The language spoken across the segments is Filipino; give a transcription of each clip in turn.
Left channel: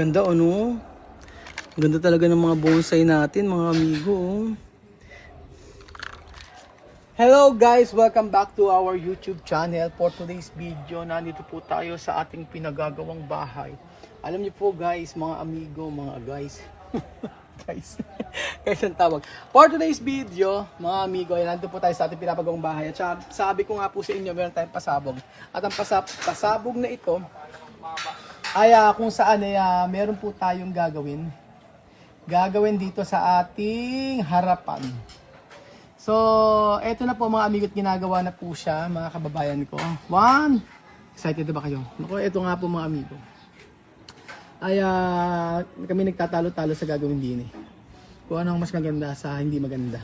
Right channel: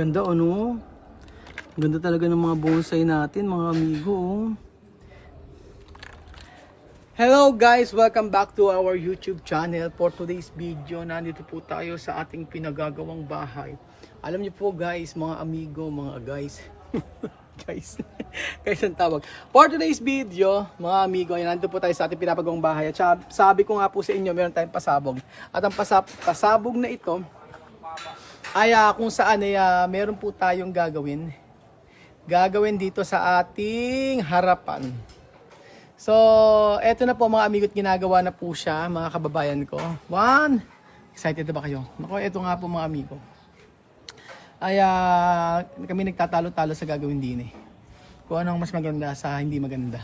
Ganda ano? Ganda talaga ng mga bonsai natin mga amigo. Oh. Hello guys! Welcome back to our YouTube channel. For today's video, nandito po tayo sa ating pinagagawang bahay. Alam niyo po guys, mga amigo, mga guys. guys ang tawag. For today's video, mga amigo, ay nandito po tayo sa ating pinapagawang bahay. At sabi ko nga po sa inyo, meron tayong pasabog. At ang pasabog na ito, ay kung saan ay meron po tayong gagawin dito sa ating harapan. So, eto na po mga amigo at ginagawa na po siya mga kababayan ko. Excited na ba kayo? Naku, eto nga po mga amigo. Ay kami nagtatalo-talo sa gagawin din eh. Kung anong mas maganda sa hindi maganda.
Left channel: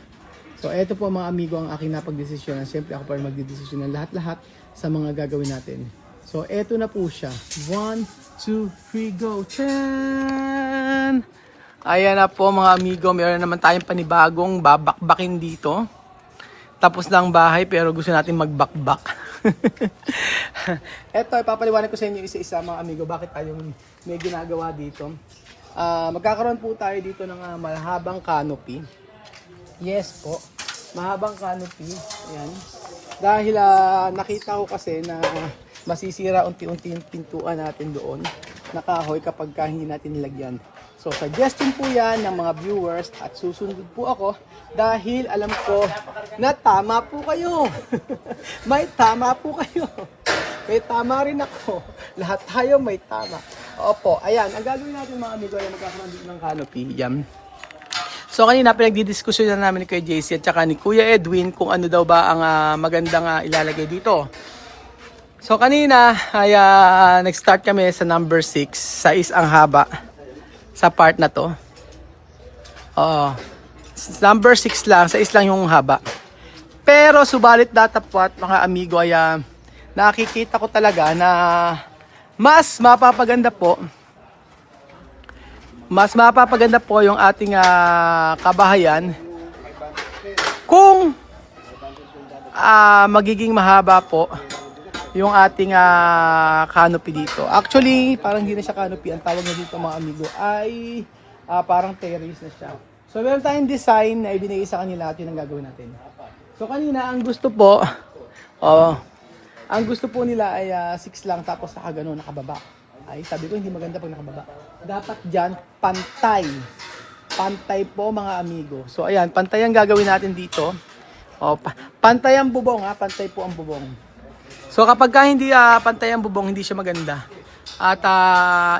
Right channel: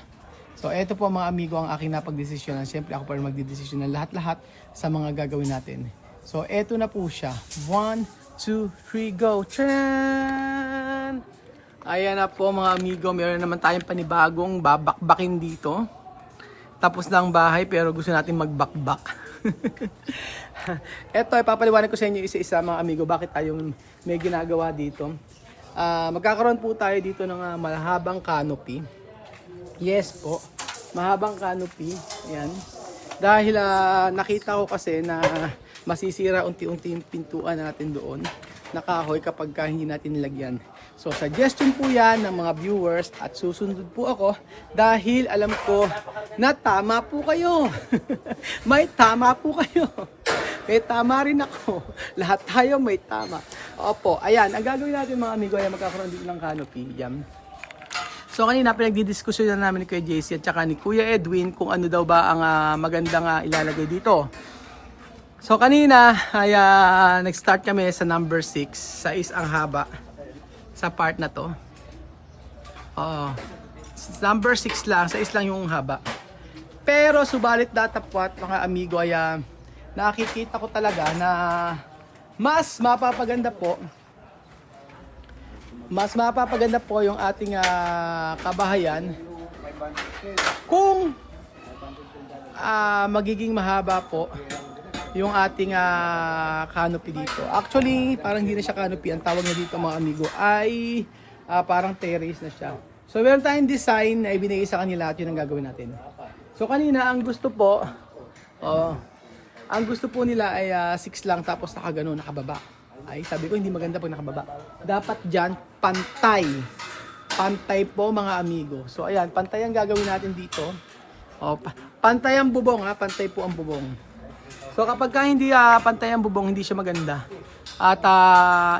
So, eto po mga amigo ang aking napagdesisyonan. Siyempre ako pa rin magdidesisyon ng lahat-lahat sa mga gagawin natin. So, eto na po siya. 1, 2, 3, go! Tchaaan! Ayan na po mga amigo, meron naman tayong panibagong babakbakin dito. Tapos na ang bahay pero gusto natin magbakbak. Eto, ipapaliwanag ko sa inyo isa-isa mga amigo bakit tayong may ginagawa dito. Magkakaroon po tayo dito ng mahabang canopy. Yes po, mahabang canopy. Yan. Dahil nakita ko kasi na masisira unti-unti yung pintuan natin doon na kahoy kapag hindi natin nilagyan. So, suggestion po yan ng mga viewers at susunod po ako dahil alam ko na tama po kayo. May tama po kayo. May tama rin ako. Lahat tayo may tama. Opo, ayan. Ang gagawin natin mga amigo ay magkakaroon dito ng canopy. Yan. So, kanina pinagdidiskusyon na namin ni Kuya JC at saka ni Kuya Edwin kung ano daw ba ang magandang ilalagay dito. So, kanina ay nag-start kami sa number 6. 6 ang haba. Sa part na to. Number 6 lang, 6 lang yung haba. Pero subalit datapwat mga amigo ay nakikita ko talaga na mas mapapaganda po yung ating kabahayan kung magiging mahaba po yung ating canopy dito. Actually, parang hindi na siya canopy. Ang tawag niya dito mga amigo ay parang terrace na siya. So, meron tayong design na ibinigay sa kanila at yun ang gagawin natin. So, kanina, ang gusto po nila ay 6 lang tapos nakababa. Ay, sabi ko, hindi maganda pag nakababa. Dapat dyan, pantay. Pantay po mga amigo. So, ayan, pantay ang gagawin natin dito. Pantay ang bubong pantay po ang bubong. So kapag hindi pantay ang bubong, hindi siya maganda. At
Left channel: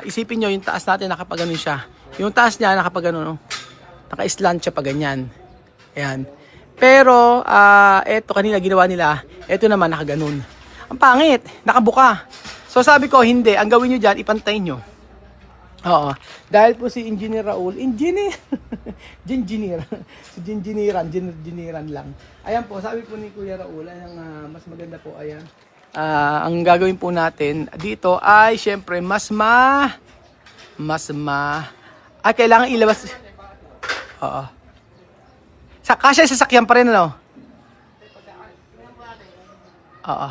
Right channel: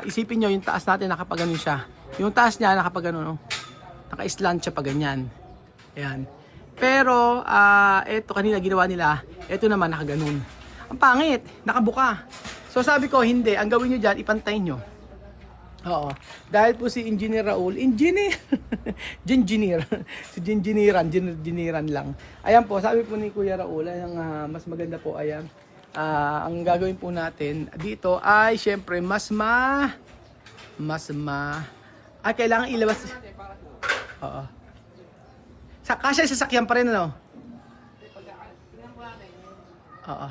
isipin nyo, yung taas natin nakapaganon siya. Yung taas niya nakapaganon, no? Naka-slant siya pa ganyan. Ayan. Pero, eto kanina ginawa nila, eto naman nakaganon. Ang pangit, nakabuka. So sabi ko, hindi. Ang gawin nyo dyan, ipantay nyo. Oo. Dahil po si Engineer Raul, Engineeran lang. Ayan po, sabi po ni Kuya Raul, mas maganda po, ayan. Ang gagawin po natin dito ay syempre kailangan ilabas. Oo. Kasya sa sasakyan pa rin ano? Oo.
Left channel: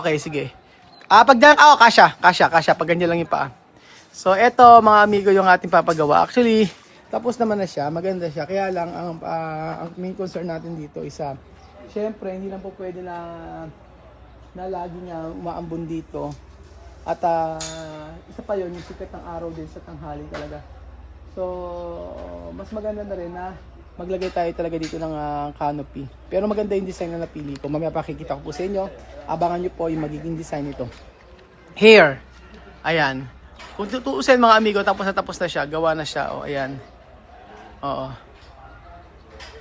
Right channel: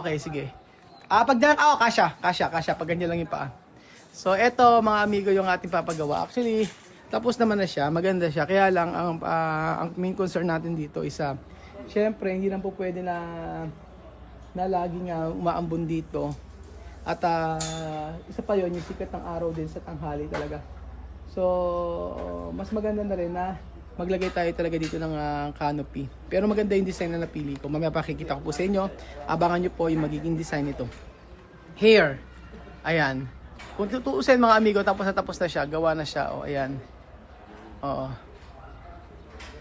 Okay, sige. Kasya pag ganyan lang yung paa. So eto mga amigo yung ating papagawa. Actually, tapos naman na siya, maganda siya. Kaya lang ang main concern natin dito isa siyempre, hindi lang po pwede na laging umaambon dito. At isa pa yun, yung sikat ng araw din sa tanghali talaga. So, mas maganda na rin na maglagay tayo talaga dito ng canopy. Pero maganda yung design na napili ko. Mamaya pakikita ko po sa inyo. Abangan nyo po yung magiging design nito. Here. Ayan. Kung tutuusin mga amigo, tapos na siya. Gawa na siya. Ayan. Oo.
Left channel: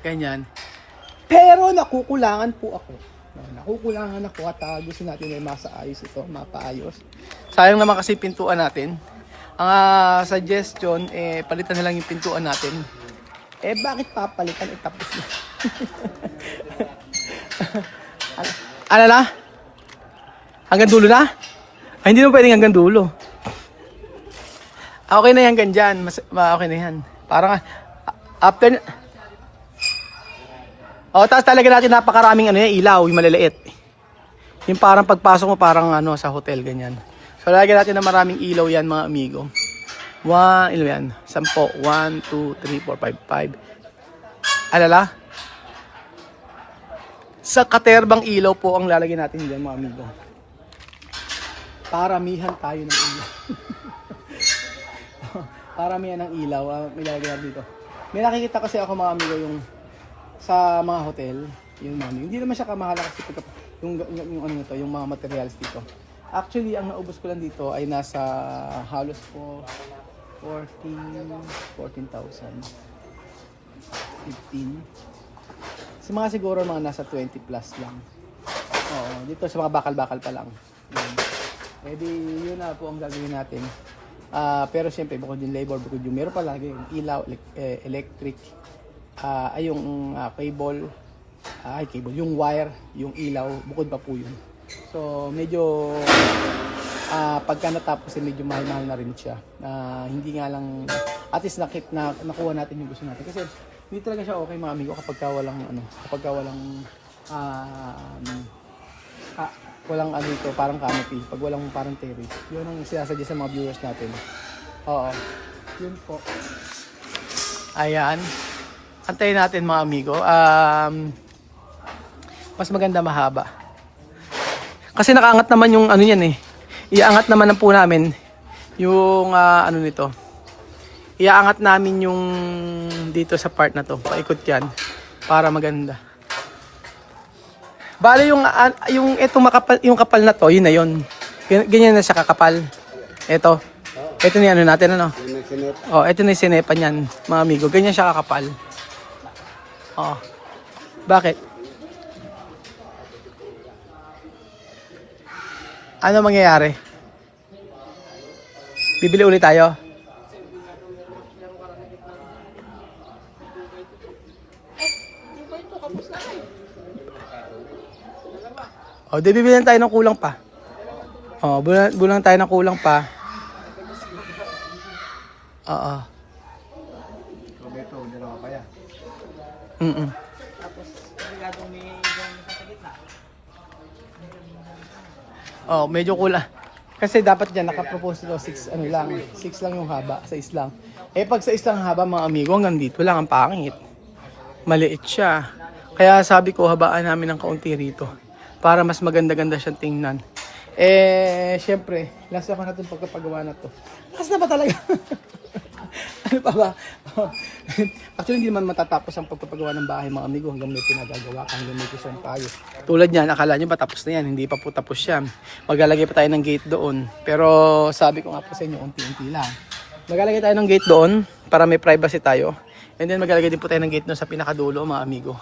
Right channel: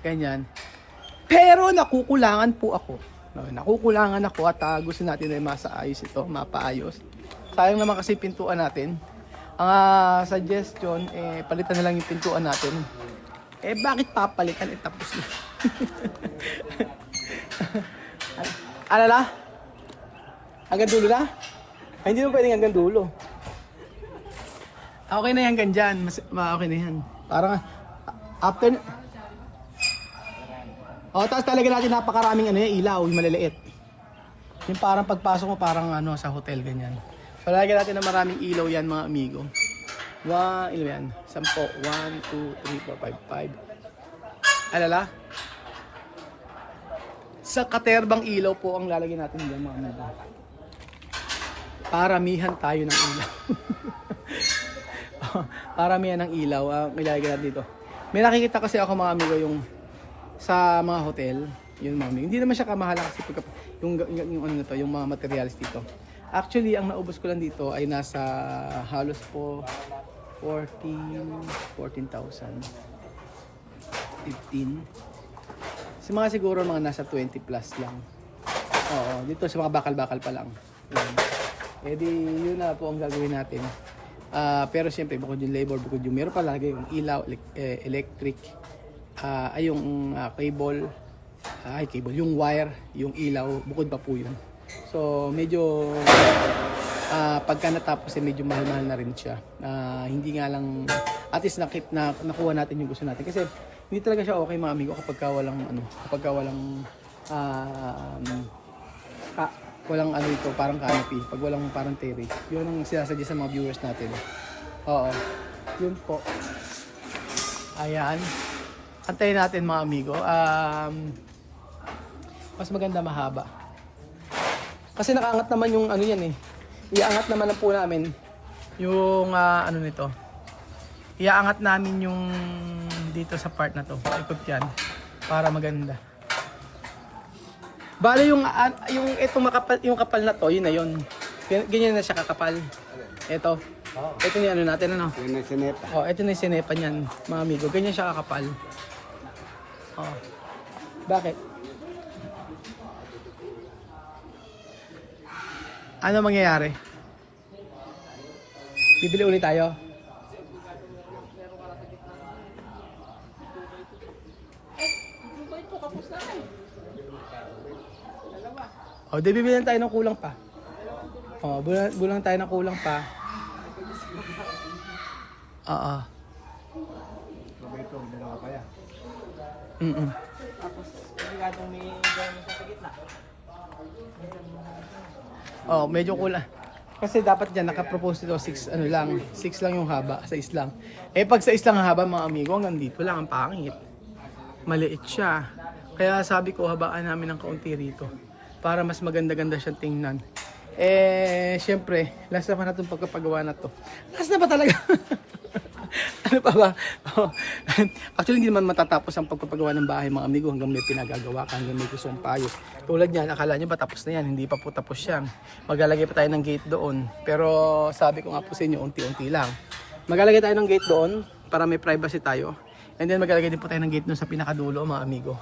Ganyan. Pero nakukulangan po ako. At gusto natin ay mapaayos. Sayang naman kasi pintuan natin. Ang suggestion, palitan na lang yung pintuan natin. Bakit papalitan? Tapos na. Ano na? Hanggang dulo na? Ay, hindi naman pwedeng hanggang dulo. Okay na yan hanggang dyan. Okay na yan. Parang after... tapos talaga natin napakaraming ilaw, yung maliliit. Yung parang pagpasok mo parang sa hotel ganyan. So So lalagyan natin ng maraming ilaw yan mga amigo. 1, ilaw yan. 10. 1, 2, 3, 4, 5, 5. Alala? Sa katerbang ilaw po ang lalagyan natin dyan mga amigo. Paramihan tayo ng ilaw. Paramihan ng ilaw ang ilalagay natin dito. May nakikita kasi ako mga amigo yung sa mga hotel, yun mga amigo. Hindi naman siya kamahalan kasi yung ano na to, yung mga materials dito. Actually, ang naubos ko lang dito ay nasa halos po 14,000. 15. Sa mga siguro mga nasa 20 plus lang. Oo, dito sa mga bakal-bakal pa lang. Yan. Eh di, yun na po ang gagawin natin. Pero siyempre, bukod yung labor, bukod yung meron pa lagi yung ilaw, electric, ay yung cable, yung wire, yung ilaw, bukod pa po yun. So, medyo, pagka natapos, medyo mahal-mahal na rin siya. Hindi nga lang, at least nakuha natin yung gusto natin. Kasi, hindi talaga siya okay mga amigo kapag walang ano ito, parang canopy, pag walang parang terrace. Yun ang sinasadya sa mga viewers natin. Oo. Yun po. Ayan. Antayin natin mga amigo. Mas maganda mahaba. Kasi nakaangat naman yung ano yan eh. Iaangat naman po namin yung ano nito. Iaangat namin yung dito sa part na to. Paikot yan para maganda. Bali yung etong yung kapal na to, yun na yun. Ganyan na siya kakapal. Ito. Ito na ano natin ano. Oh, ito na yung sinepa niyan, mga amigo. Ganyan siya kakapal. Oh. Bakit? Ano mangyayari? Bibili ulit tayo. O, di bibilan tayo ng kulang pa. O, bulan tayo ng kulang pa. Oo. Tapos, obligadong may gano'n sa gitna. Oh, medyo kulang. Kasi dapat diyan naka-propose ito 6 ano lang, 6 lang yung haba, 6 lang. Eh pag sa 6 lang ang haba mga amigo, hanggang dito lang ang pangit. Maliit siya. Kaya sabi ko habaan namin ng kaunti rito para mas maganda-ganda siyang tingnan. Eh syempre, last naman na itong pagkapagawa na to. Last na ba talaga? Ano pa ba? Actually, hindi naman matatapos ang pagpapagawa ng bahay mga amigo hanggang may pinagagawa ka, hanggang may kusong payo. Tulad niyan, akala nyo ba tapos na yan? Hindi pa po tapos yan. Maglalagay pa tayo ng gate doon. Pero sabi ko nga po sa inyo, unti-unti lang. Maglalagay tayo ng gate doon para may privacy tayo. And then maglalagay din po tayo ng gate doon sa pinakadulo mga amigo.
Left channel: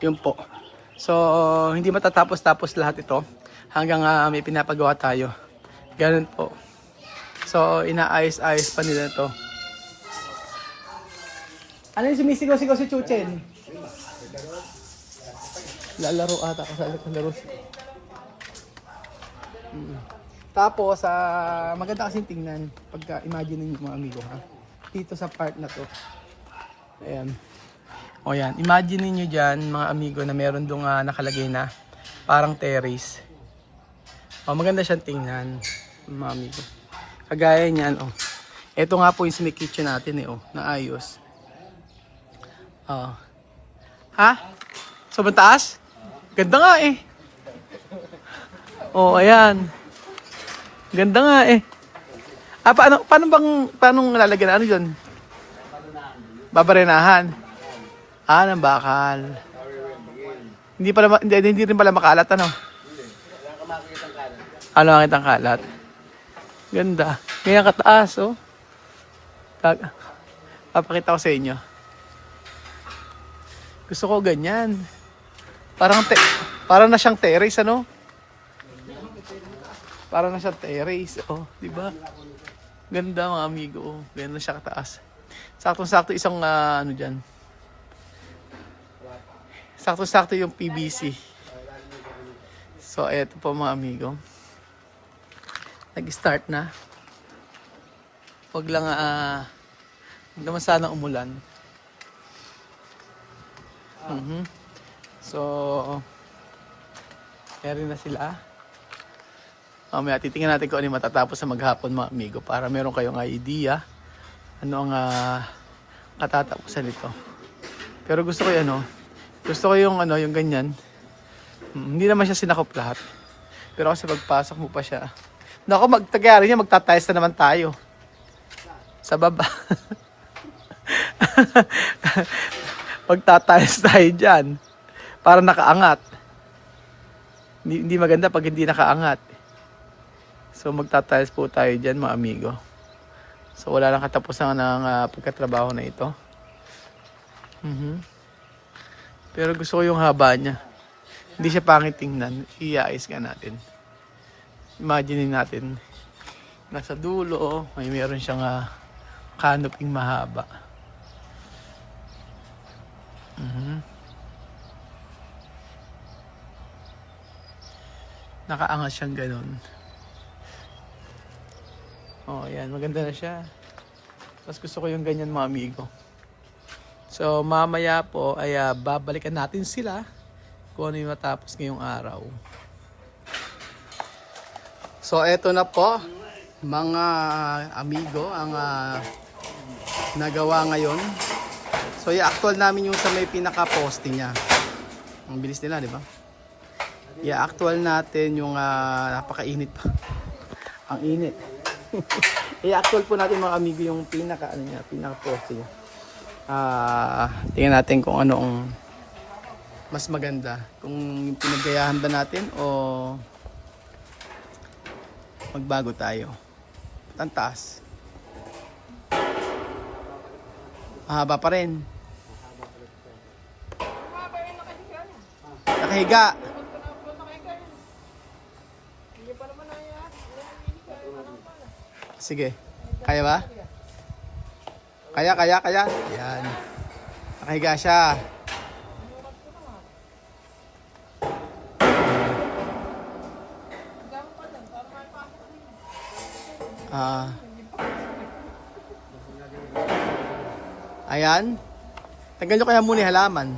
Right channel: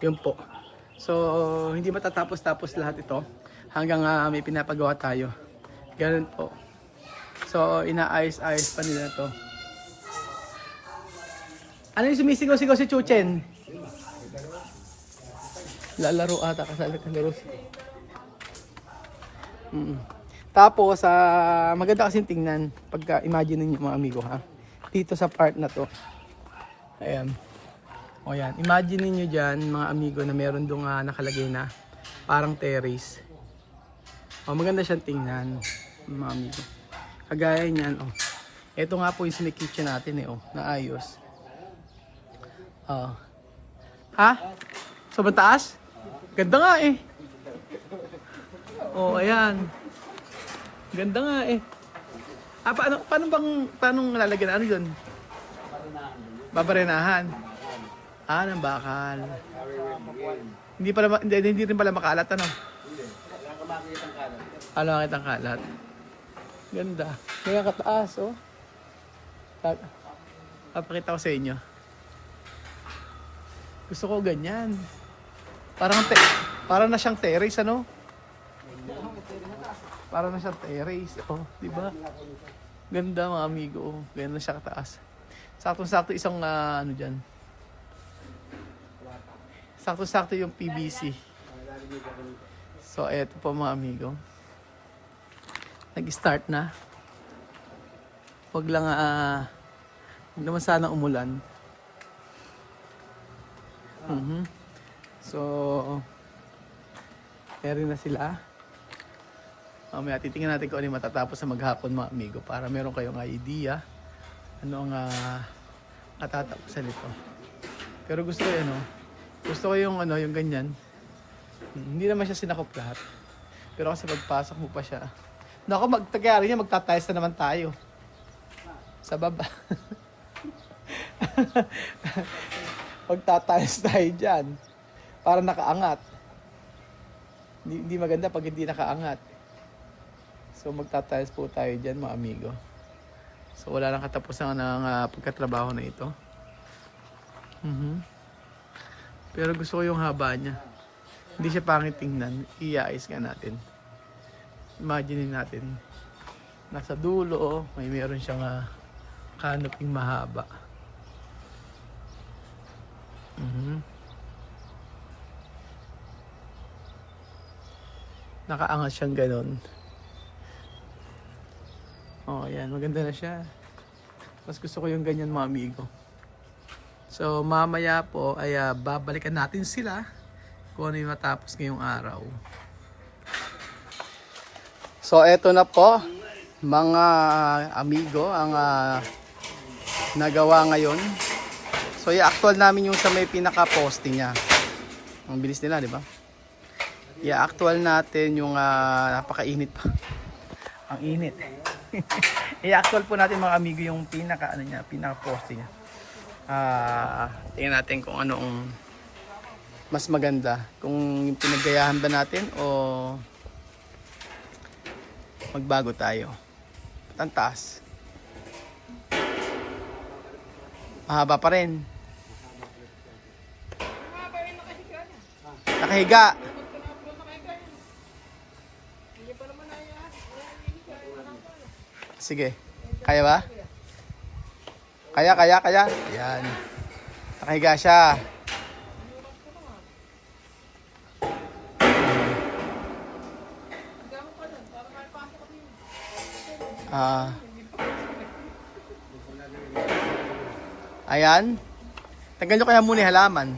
Yun po. So, hindi matatapos-tapos lahat ito hanggang may pinapagawa tayo. Ganun po. So, inaayos-ayos pa nila to. Ano yung sumisigaw-sigaw si Chuchen? Lalaro ata, kalaro. Tapos, maganda kasing tingnan pagka imagine niyo mga amigo ha. Dito sa part na to. Ayan. O yan, imagine niyo diyan mga amigo na meron dong nakalagay na parang terrace. O maganda siyang tingnan mga amigo. Kagaya niyan, oh. Ito nga po yung sine-kitchen natin eh, oh, naayos. Oh. Ha? Sobrang taas? Ganda nga eh. Oh, ayan. Ganda nga eh. Paano lalagyan ano 'yon? Babarenahan. Ng bakal. Hindi rin pala makalat ano? Hindi. Wala ka makikitang kalat. Ano makikitang kalat? Ganda. Ganyan kataas oh. Papakita ko sa inyo. Gusto ko ganyan. Parang na siyang terrace ano? Parang na siyang terrace oh, di ba? Ganda mga amigo oh. Ganyan na siya kataas. Saktong-sakto isang ano diyan. Sakto-sakto yung PVC. So, eto po mga amigo. Nag-start na. Huwag lang, huwag naman sana umulan. So, meron na sila. Mamaya titingnan natin kung ano yung matatapos sa maghapon mga amigo para meron kayong idea ano ang katatapusan nito. Pero gusto ko yung gusto ko yung yung ganyan. Hindi naman siya sinakop lahat. Pero kasi pagpasok mo pa siya. Naku, magtagyari niya, magtatayos na naman tayo. Sa baba. Magtatayos tayo dyan. Para nakaangat. Hindi maganda pag hindi nakaangat. So magtatayos po tayo dyan mga amigo. So wala lang katapusan ng pagkatrabaho na ito. Pero gusto ko yung haba niya. Hindi siya pangit tingnan. Iayos ka natin. Imagine natin. Nasa dulo, may meron siyang canoping mahaba. Nakaangat siyang ganun. Oh, yan. Maganda na siya. Mas gusto ko yung ganyan mga amigo. So, mamaya po ay babalikan natin sila kung ano yung matapos ngayong araw. So, eto na po mga amigo ang nagawa ngayon. So, i-actual namin yung sa may pinaka-posting niya. Ang bilis nila, di ba? I-actual natin yung napakainit pa. Ang init. I-actual po natin mga amigo yung pinaka-posting niya. Tingnan natin kung anong mas maganda. Kung yung pinaggayahan ba natin o magbago tayo. Ang taas. Mahaba pa rin. Nakahiga. Sige. Kaya ba? Kaya. Ayan. Nakahiga siya. Ayan. Tanggal nyo kaya muna yung halaman.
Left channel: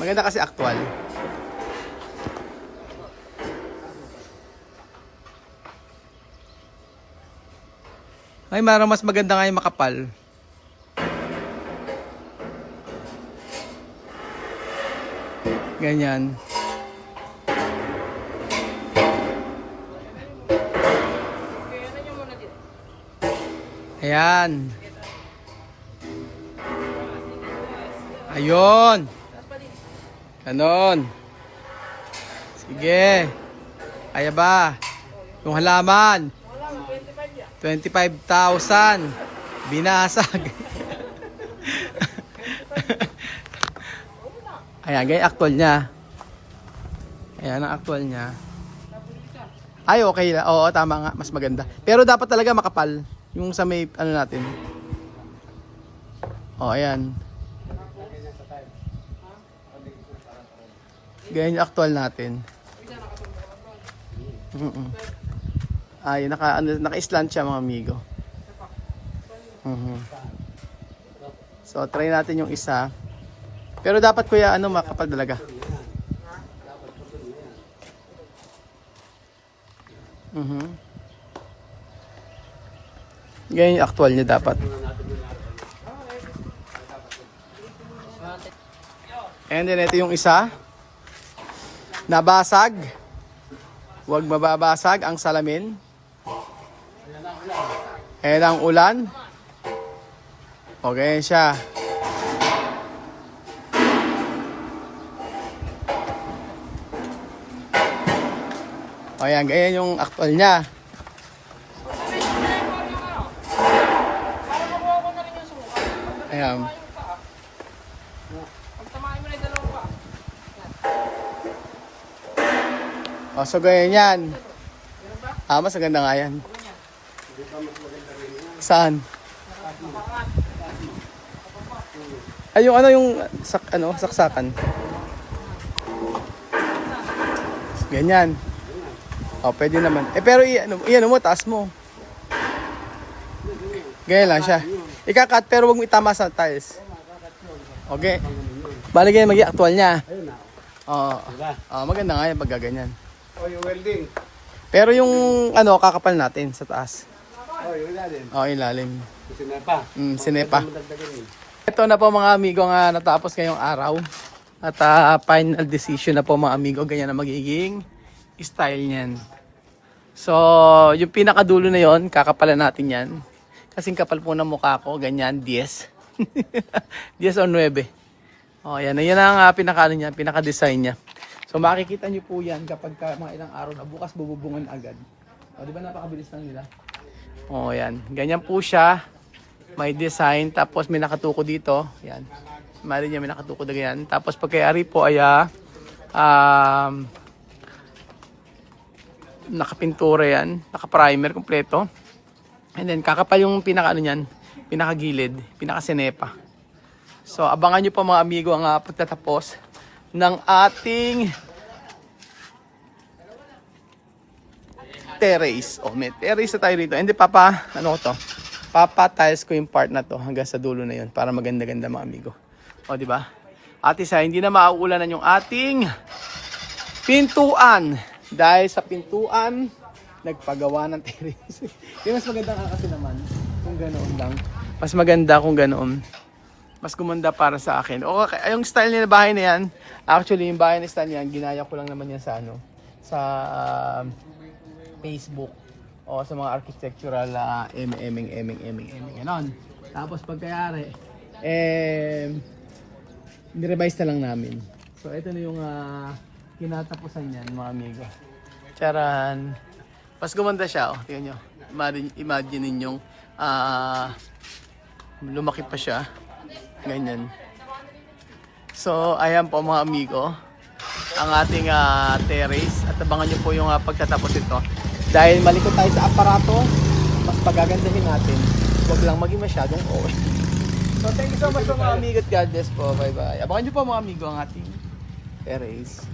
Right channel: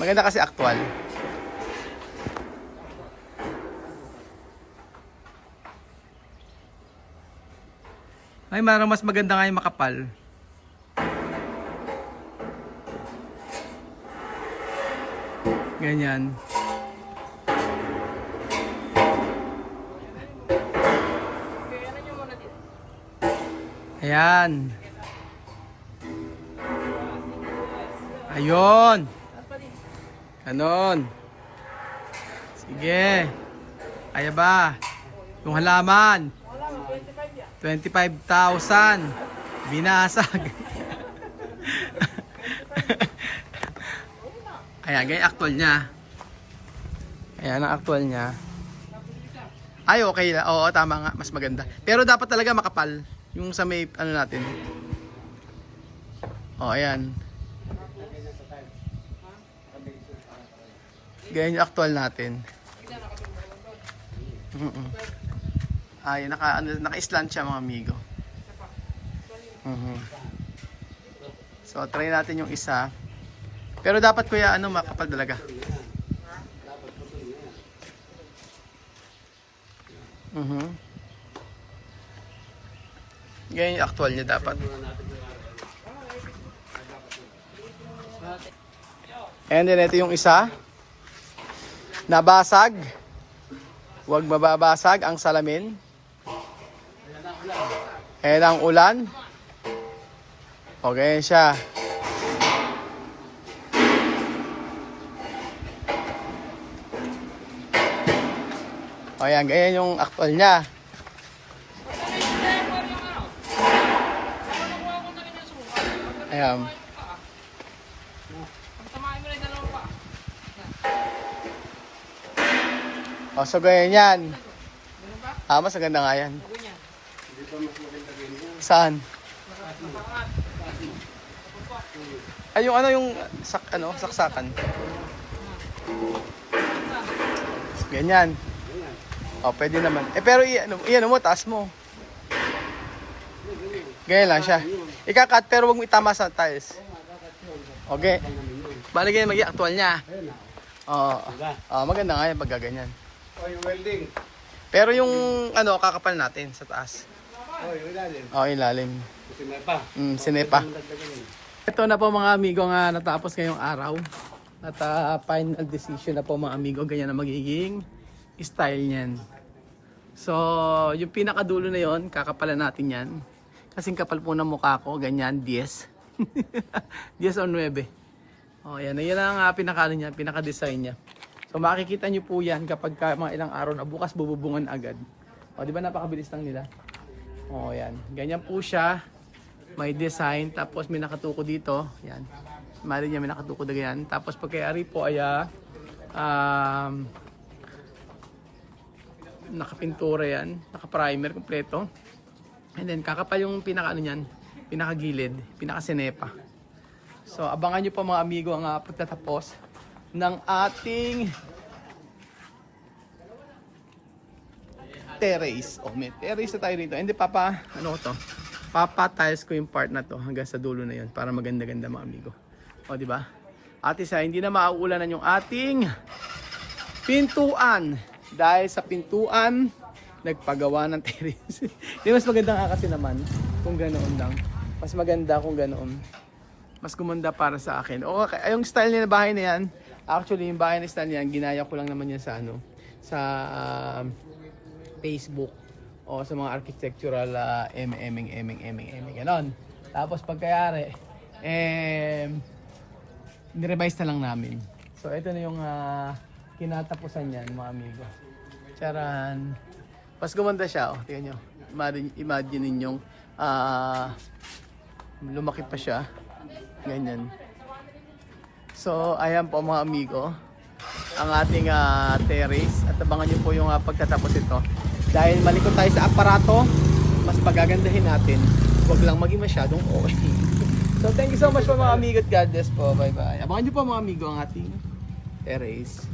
Maganda kasi actual. Ay, marang mas maganda nga yung makapal. Ganyan. Ayan. Ayun. Ganon. Sige. Kaya ba? Yung halaman. 25,000. Binasag. Ayan, ganyan actual niya. Ayan ang actual niya. Ay, okay. Oo, tama nga. Mas maganda. Pero dapat talaga makapal. Yung sa may, natin. O, ayan. Ganyan yung actual natin. Ay, naka-slant siya mga amigo. So, try natin yung isa. Pero dapat kuya, makapal talaga. Ganyan yung actual niya dapat. And then ito yung isa. Nabasag. Huwag mababasag ang salamin. Ayan ang ulan. Okay siya. Ayan, ganyan yung actual niya. Ayan. O, so ganyan yan. Mas maganda nga yan. Saan? Ay, yung saksakan. Ganyan. O, pwede naman. Pero iyan mo, taas mo. Ganyan lang siya. Ikakat, pero wag mo itama sa tiles. Okay. Bali ganyan, maging actual niya. Oo. Diba? Maganda nga yan pag gaganyan. O yung welding. Pero yung ano, kakapal natin sa taas. O yung ilalim. Ilalim. Sinepa. Sinepa. Madagdagan yun. Ito na po mga amigo nga natapos ngayong araw. At final decision na po mga amigo, ganyan na magiging style niyan. So, yung pinakadulo na yon, kakapalan natin yan. Kasing kapal po ng mukha ko, ganyan, 10. 10 o 9. Yan ang pinaka-ano niya, pinaka-design niya. So, makikita nyo po yan kapag mga ilang araw na bukas bububungan agad. Di ba napakabilis lang nila? Yan. Ganyan po siya. May design, tapos may nakatuko dito. Yan. Mali niya, may nakatuko na ganyan. Tapos pagkayari po ay nakapintura yan, naka-primer kompleto. And then kakapal yung pinaka ano niyan, pinakagilid, pinaka-sinepa. So abangan niyo pa mga amigo ang pagtatapos ng ating terrace. May terrace na tayo rito. Hindi ano ko to? Papa-tiles ko yung part na to hanggang sa dulo na yun para maganda-ganda mga amigo. Di ba? At isa, hindi na mauulanan yung ating pintuan. Dahil sa pintuan, nagpagawa ng terrace. Di mas maganda nga kasi naman kung ganoon lang. Mas maganda kung ganoon. Mas gumanda para sa akin. Okay, yung style niya na bahay na yan, actually yung bahay na style niyan, ginaya ko lang naman yan sa sa Facebook o sa mga architectural eming ganon. Tapos pagkayari, nirevise na lang namin. So ito na yung kinatapusan niyan mga amigo. Charan. Mas gumanda siya, tingnan nyo. Imagine ninyong lumaki pa siya. Ganyan. So ayan po mga amigo, ang ating terrace. At abangan nyo po yung pagtatapos ito. Dahil malikot tayo sa aparato, mas pagagandahin natin. Huwag lang maging masyadong OA. So thank you so much po mga amigo at God bless po. Bye bye. Abangan nyo po mga amigo ang ating terrace.